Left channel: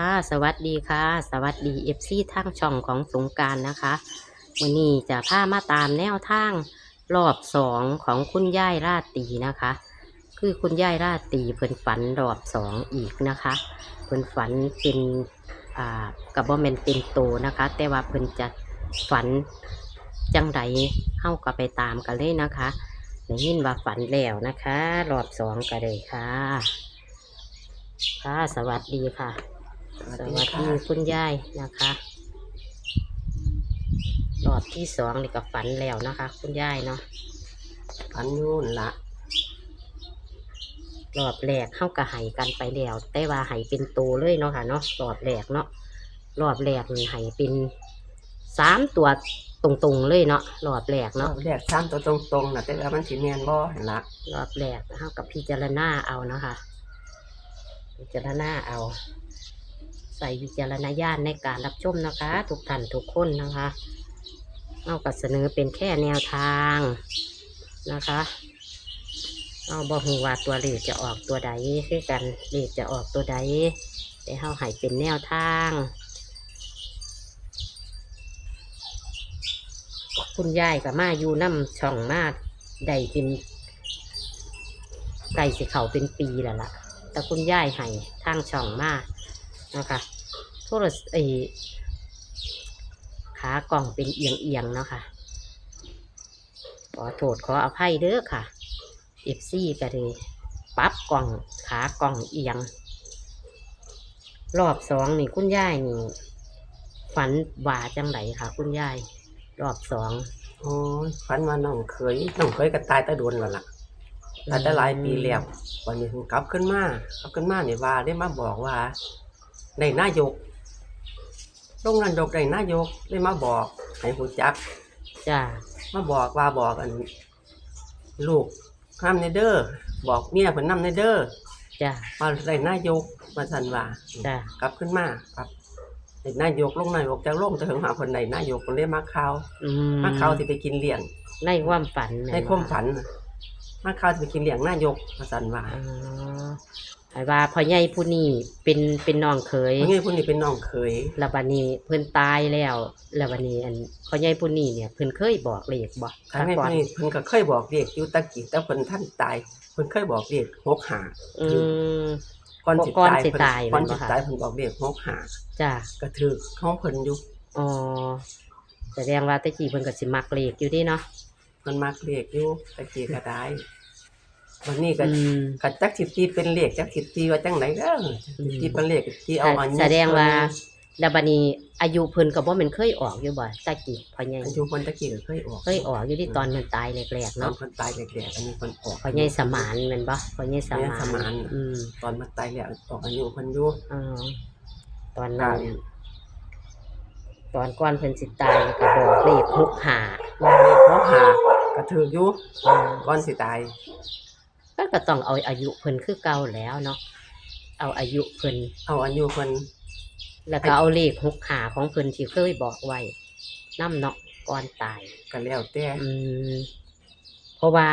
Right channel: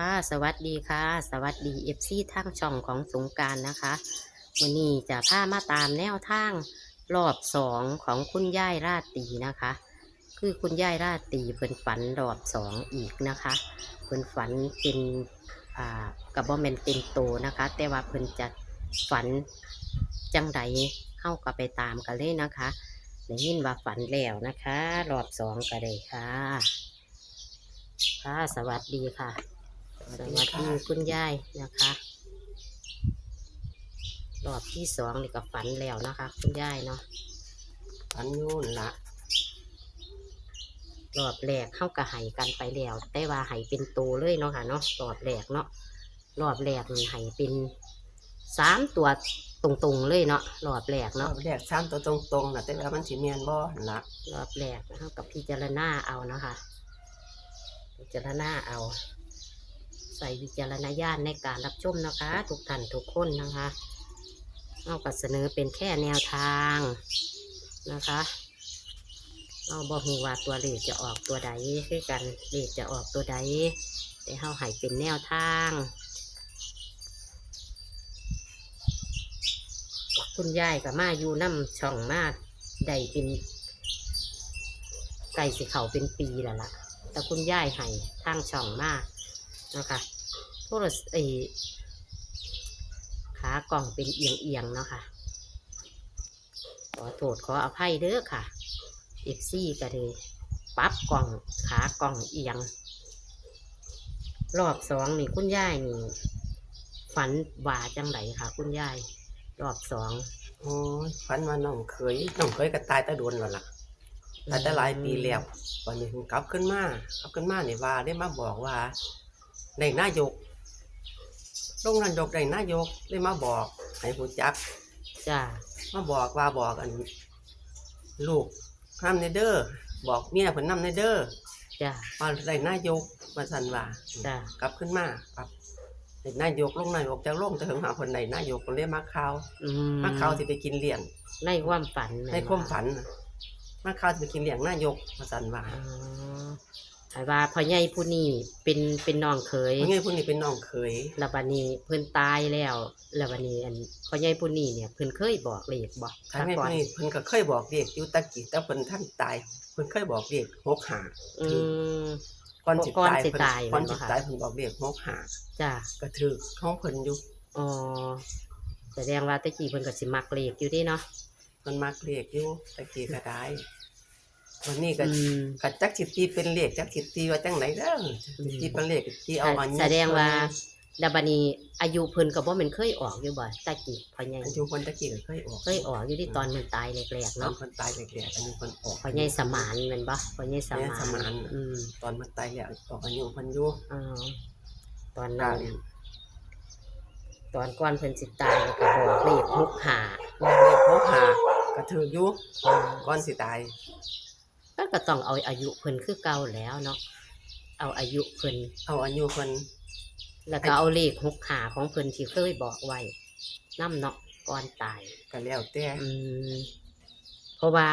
ค่ะ สวัสดีค่ะ สวัสดีเอฟซีทางช่องของสงการนะคะวันนี้จะพามาตามแนวทางรอบสองของคุณย่ายราตีนะคะ คือคุณย่ายราตีเพิ่นฝันรอบสองอีกนะคะเพิ่นฝันเป็นอ่ากับบ่แมนเป็นโตนะคะ แต่ว่าเพิ่นจะฝันจังใดเข้าก็ไปตามกันเลยนะคะได้ยินว่าฝันแล้วนะคะ รอบสองกันเลยค่ะ ค่ะ สวัสดีค่ะ วัสดีคุณยายนะคะรอบที่สองนี่ก็ฝันแล้วนะคะ คุณยายเนาะอันนู่นละรอบแรกเข้ากระไห้กันไปแล้วแต่ว่าไห้เป็นโตเลยเนาะค่ะเนาะรอบแรกเนาะรอบแรกนี่ไห้เป็นสามตัวตรงๆเลยเนาะรอบแรกเนาะเนาะแรกสามตัวตรงๆนะแต่ว่ามันสิเนียนบ่เห็นละรอบแรกเข้ากับพิจารณาเอาเนาะค่ะพิจารณาเอา ใส่วิจารณญาณในการรับชมนะคะ ทุกท่านทุกคนนะคะเอาก็เสนอเป็นแค่แนวทางนะคะเอาบอหูว่าตัวเลขจะออกตัวใดคือกันเลขจะออกตัวใดแต่เฮาให้เป็นแนวทางคุณยายกับมาอยู่น้ำช่องมาได้เป็นไก่สิเขาเป็นปีแล้วล่ะ แต่คุณยายให้ทางช่องมา นะคะโทรศไอขากล่องเป็นเอียงเอียงๆเนาะค่ะขอโทษขออภัยเด้อค่ะเอฟซีก็เลยปรั๊บกล่องขากล่องเอียง รอบสองนี่คุณยายนี่ฝันว่าจังไหนค่ะ คุณยาย รอบสองโอ้ยฝันว่าน้องเคยน้องเคยก็ตายแตะโดนแล้วล่ะตายแต่หลายปีแล้ววันนี้เพิ่งกลับขึ้นมากลับขึ้นมาเนี่ยว่าได้มาบอกว่า ในนายกลงนายกในนายกได้มาบอกให้หูจัก จ้ามาบอกว่าบอกอัน ลูกนำในเด้อบอกเมียเพิ่นนำในเด้อจ้าว่าได้นายกมาสันว่าจ้ากลับขึ้นมาครับไอ้นายกลงนายกจะลงจะถึงหาคนไหนนายกคนได้มาข่าวอืมาข่าวที่ไปกินเลี้ยงในความฝันในความฝันน่ะมาข่าวที่ไปกินเลี้ยงนายกมาสันว่า อ๋อ ไอ้ว่าพ่อใหญ่ผู้นี้เป็นเป็นน้องเคยเพราะงี้ผู้นี้เป็นน้องเคยแล้วบัดนี้เพิ่นตายแล้วแล้วบัดนี้อันพ่อใหญ่ผู้นี้เนี่ยเพิ่นเคยบอกเลขบ่ทางนี้ก่อผู้นี้เพิ่นก็เคยบอกเด็กอยู่ตะกี้แต่เพิ่นท่านตายเพิ่นเคยบอกเด็กหกหาอืมก่อนสิก่อนตายสิเพิ่นตายก่อนแม่สินบ่คะตายเพิ่นบอกเด็กหกหาจ้าก็ถือของเพิ่นอยู่อ๋อแสดงว่าแตะกี้เพิ่นก็สิมักเลขอยู่ดิเนาะเพิ่นมักเลขอยู่ตะกี้ก็ได้ วันนี้ก็อืม กัจักสิตีเป็นเลขจักสิตีว่าจังไหนเด้ออืม ตีเป็นเลขตีเอาอันนี้แสดงว่าแล้วบัดนี้อายุเพิ่นก็บ่แม่นเคยออกอยู่บ่ตะกี้พ่อใหญ่อายุคนตะกี้ก็เคยออกเคยออกอยู่ที่ตอนมันตายแรกๆตอนเนาะคนตายแรกๆอันนี้คนออก พ่อใหญ่สมานแม่นบ่พ่อใหญ่สพ่อใหญ่มานสมาน อืมตอนมันตายแล้วออกอายุคนอยู่อ๋อตอนนั้นตอนก่อนเพิ่นสิตายก็บอกเลขหกหาว่าเลขหกหากระถืออยู่ก่อนสิตาย ก็ก็ต้องเอาอายุเพิ่นคือเก่าแล้วเนาะเอาอายุเพิ่นเอาอายุคนแล้วก็เอาเลขหกหาของเพิ่นที่เคยบอกไว้นำเนาะก่อนตาย ก็แล้วแต่อืมเพราะว่า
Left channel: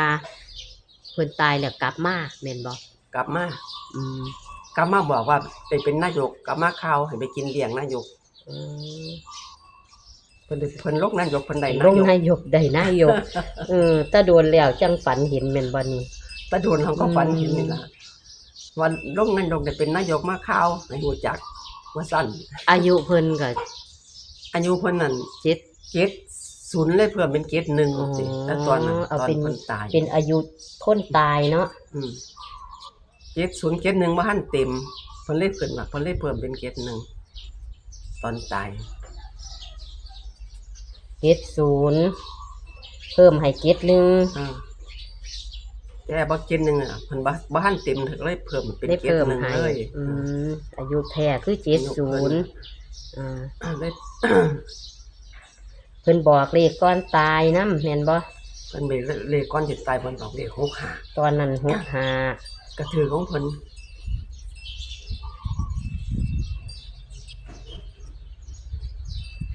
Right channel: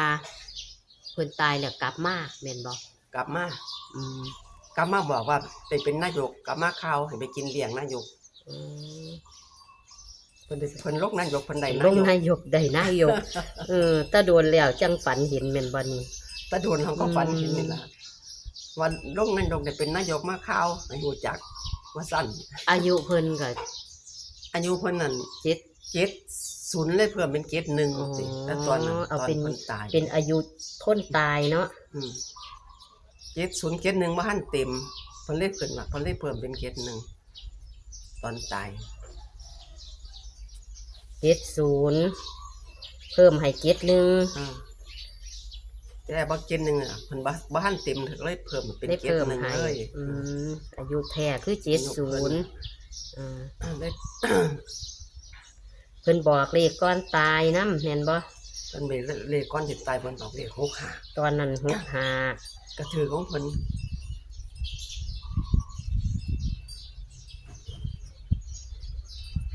เพิ่นตายแล้วกลับมาแม่นบ่กลับมาอืมกลับมาบอกว่าไปเป็นนายกกลับมาข่าวให้ไปกินเลี้ยงนายกอืมเพิ่นได้เพิ่นลกนายกเพิ่นได้ลนางยกนายกได้นายกเออถ้าโดนแล้วจังฝันเห็นแม่นบ่นี่ ตะโดนเขาก็ฝันอืมเห็นนี่ล่ะวันลกนายกได้เป็นนายกมาข่าวให้ฮู้จักว่าสั้นอายุเพิ่นก็อายุเพิ่นนั่นเจ็ดเกตศูนย์เลยเพิ่มเป็นเกตหนึ่งอ๋อสิแต่ตอนนั้นตเอาอนเป็นคนตายเป็นอายุคนตายเนาะอืมเกตศูนย์เกตหนึ่งว่าหันเต็มเพิ่นเลยเพิ่นมาเพิ่นเลยเพิ่มเป็นเกตหนึ่งตอนตายเจ็ดศูนย์เพิ่มให้เจ็ดหนึ่งอืม แต่บ่เกตหนึ่งอะเพิ่นบ่บ่หันเต็มถึงเลยเพิ่มเป็นได้เกตเพิ่มหนึ่งให้เลยอืมอายุแท้คือเจ็ดศูนย์อ่าอ่าได้ เพิ่นบอกเลขก่อนตายนำแม่นบ่เพิ่นไปเลขก้อนจิตตายเพิ่นบอกเลขหกหาตอนนั้นหกหากระถือของเพิ่น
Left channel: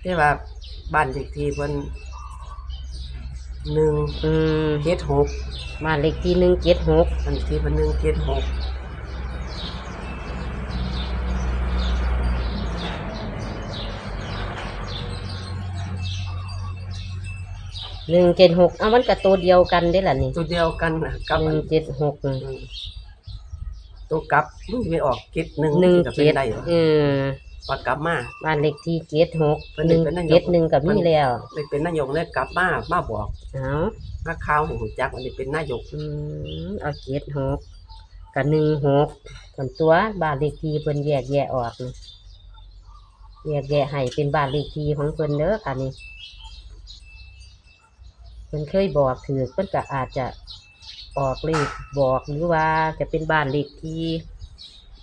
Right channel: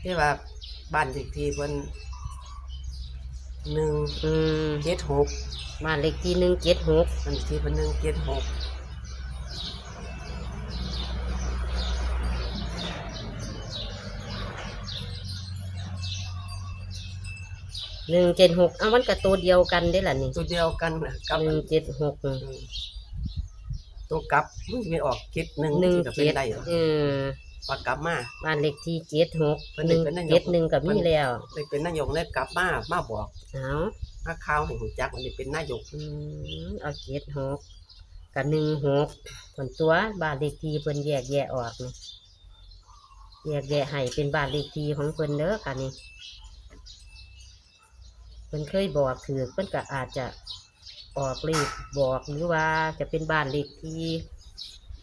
ที่ว่าบ้านเลขที่เพิ่น หนึ่งเจ็ดหกบ้านเลขที่หนึ่งเจ็ดหกอันที่เนหนึ่งเจ็ดหกหนึ่งเจ็ดหกเอามันกับตัวเดียวกันได้หละนี่ตัวเดียวกันกับหนึ่งเจ็ดหกตัวกับไม่ออกเจ็ดหนึ่งหนึ่งกับเจ็ดนดหรออืม พอกลับมา บ้านเลขที่เจ็ดหกเพิ่นหได้นึ่งเป็นนายกเจ็ดหนึ่งกับมีแล้วเลยเป็นนายกเลยกลับมามาบอกเอามาข่าวให้หูจักว่าได้เป็นนายกอืมเอาเจ็ดหกกับหนึ่งหกส่วนตัวบ้านเลขที่เพิ่นแยกแยะออกนี่แยกแยะให้เป็นบ้านเลขที่ของเพิ่นเด้อค่ะนี่เพิ่นเคยบอกถือเพิ่นก็อาจจะออกเลขบอกหรือว่าจะเป็นบ้านเลขที่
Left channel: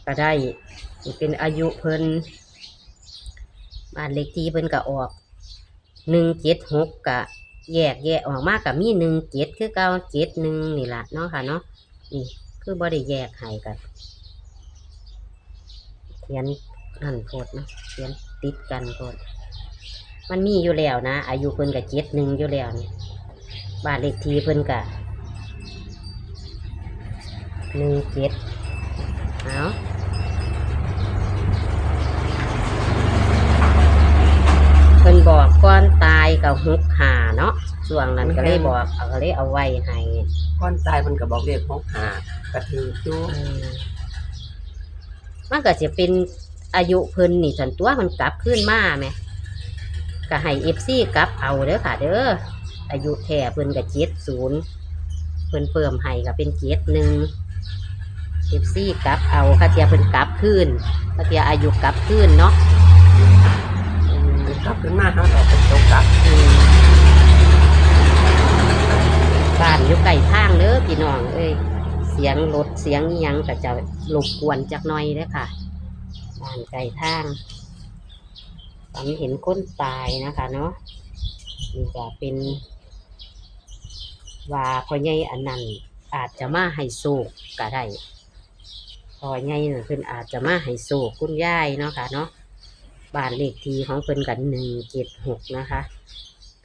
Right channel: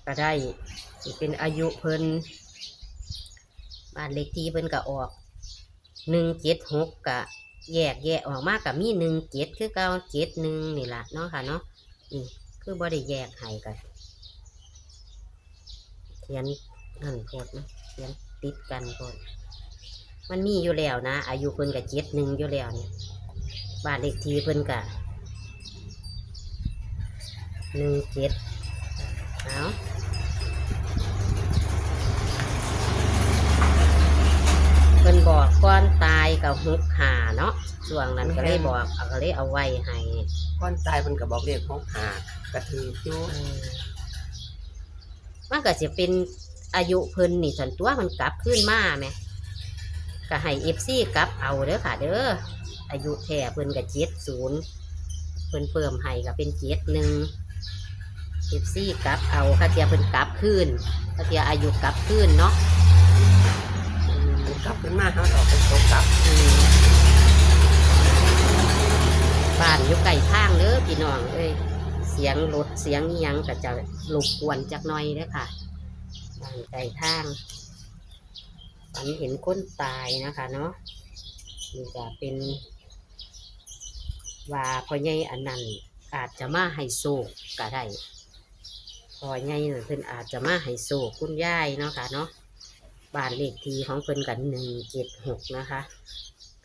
ก็ได้สิเป็นอายุเพิ่น บ้านเลขที่เพิ่นก็ออกหนึ่งเจ็ดหกกะ แยกแยะออกมากับมีหนึ่งเจ็ดคือเก้าเจ็ดหนึ่งนี่ละเนาะค่ะเนาะนี่คือบ่ได้แยกให้กันเขียนนั่นโพดเนาะเขียนติดกันโพดมันมีอยู่แล้วนะ อายุเพิ่นกับเจ็ดหนึ่งอยู่แล้วนี่บ้านเลขที่เพิ่นกับหนึ่งเจ็ดเอาเพิ่นบอ กก่อนตายกับฮุกหาเนาะส่วงนั้นก็เลยบอกเอาก็เลยเอาไว้ให้ก่อนตายมันก็บอกเรียกของหากระถืออยู่อืมมันก็จะเป็นอายุเพิ่นนี่ส่วนตัวมันกลับขึ้นมาไหมก็ให้เอฟซีกลับเอาเด้อค่ะ เด้ออายุแท้เพิ่นก็เจ็ดศูนย์เพิ่นเพิ่มให้ก็เป็นเจ็ดหนึ่งเอฟซีกลับเอาค่าเทียเพิ่นกลับขึ้นค่าเทียอายุกลับขึ้นเนาะ ครับขึ้นมาเขาออกเป็นตกกลับบ้านอยู่ใกล้ทางเด้อพี่น้องเอ้ยเสียงรถเสียงยังก็จะรบกวนจักหน่อยเด้อค่ะบ้านไกลทางฝันเห็นคนตายนะคะเนาะนี่ก็เป็นว่าพ่อใหญ่อันนั้นอาจจะมาให้โศกก็ได้พ่อใหญ่นั่นเพิ่นอาจจะมาให้โศกคุณยายเนาะค่ะเนาะ บ้านเลขที่ของเพิ่นกันหนึ่งเจ็ดหกนะคะ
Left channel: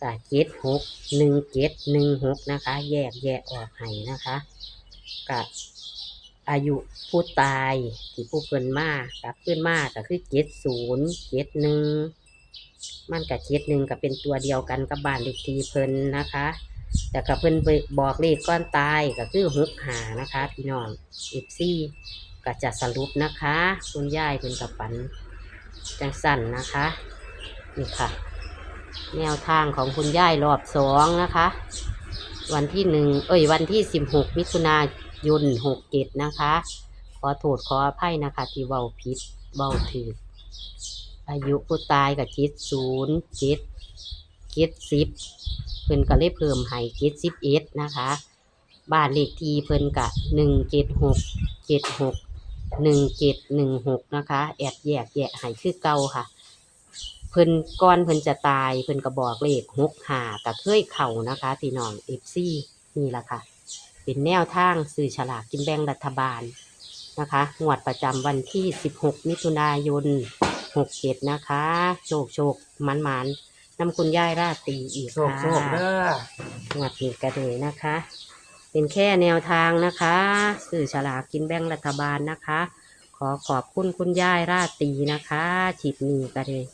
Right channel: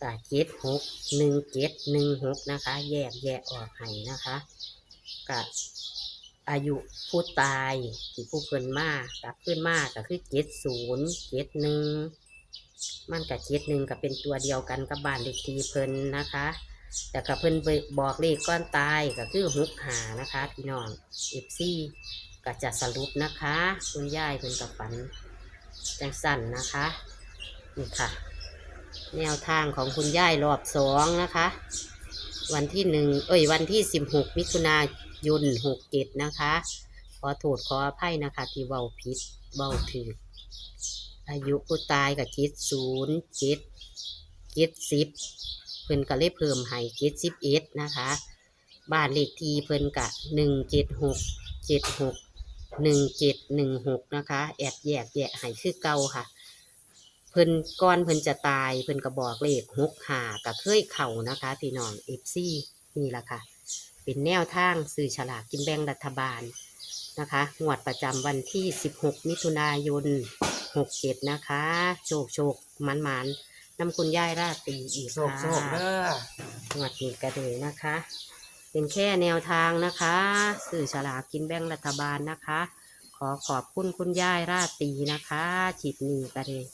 กะเจ็ดหกหนึ่งเจ็ดหนึ่งหกนะคะ แยกแยะออกให้นะคะกับอายุผู้ตายที่ผู้เพิ่นมากกับขึ้นมากก็คือเจ็ดศูนย์เจ็ดหนึ่งมันกับเจ็ดหนึ่งก็เป็นตัวเดียวกันกับบ้านเลขที่เพิ่นนะคะ แต่กับเพิ่นบอกเลขก้อนตายก็คือหกหานะคะพี่น้องเอฟซีก็จะสรุปนะคะ คุณยายเพิ่นกับฝัน จังสั่นนะคะนี่ค่ะ แนวทางของคุณย่ายรอบสองนะคะ วันที่หนึ่งเอ้ยวันที่สิบหกมิถุนายนหกเจ็ดนะคะ ขอโทษขออภัยนะคะ ที่เบาผิดเบาถืออายุผู้ตายกับจ็ดศูนย์จ็ดเจ็ดสิบเพิ่นก็เลยเพิ่มให้จ็ดสิบเอ็ดนะคะ บ้านเลขที่เพิ่นกะหนึ่งเจ็ดหกเจ็ดหก หนึ่งเจ็ดหนึ่งหกนะคะ แอดแยกแยะให้คือเก่าค่ะ เพิ่นก้อนเพิ่นจะตายเพิ่นก็บอกเลขหกหากับเคยเข่านะคะพี่น้องเอฟซีนี่แหละค่ะ เป็นแนวทางสื่อฉลากกินแบ่งรัฐบาลนะคะงวดประจำวันที่ 16 มิถุนายน 67 นะคะ โชคโชคมันมันๆนำคุณย่ายราตรีอีกโศกค่ะโศกเด้องวดนี้ก็เลยนะคะ เป็นแค่แนวทางนะคะสื่อฉลากกินแบ่งรัฐบาลนะคะ ขอขอบคุณคุณย่ายราตรีนะคะฉีดนี้ก็เลย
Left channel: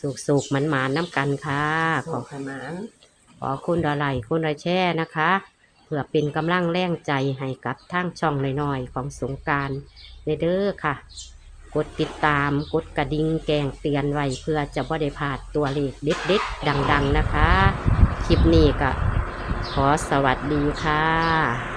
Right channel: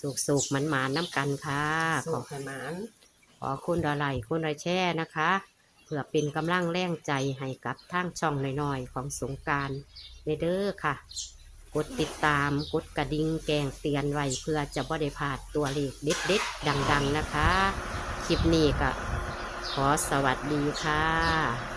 สุกสุกๆมันมันๆน้ำกันค่ะโศขอกขนาดขอคุณดอไลค์คุณดอแช่นะคะ เพื่อเป็นกำลังแรงใจให้กับทางช่องน้อยๆของสงกรารเด้อค่ะ กดติดตามกดกระดิ่งแจ้งเตือนไว้เพื่อจะบ่ได้พลาดตัวเลขเด็ดๆดัง ๆ นะคะ คลิปนี้ก็ ขอสวัสดีค่ะ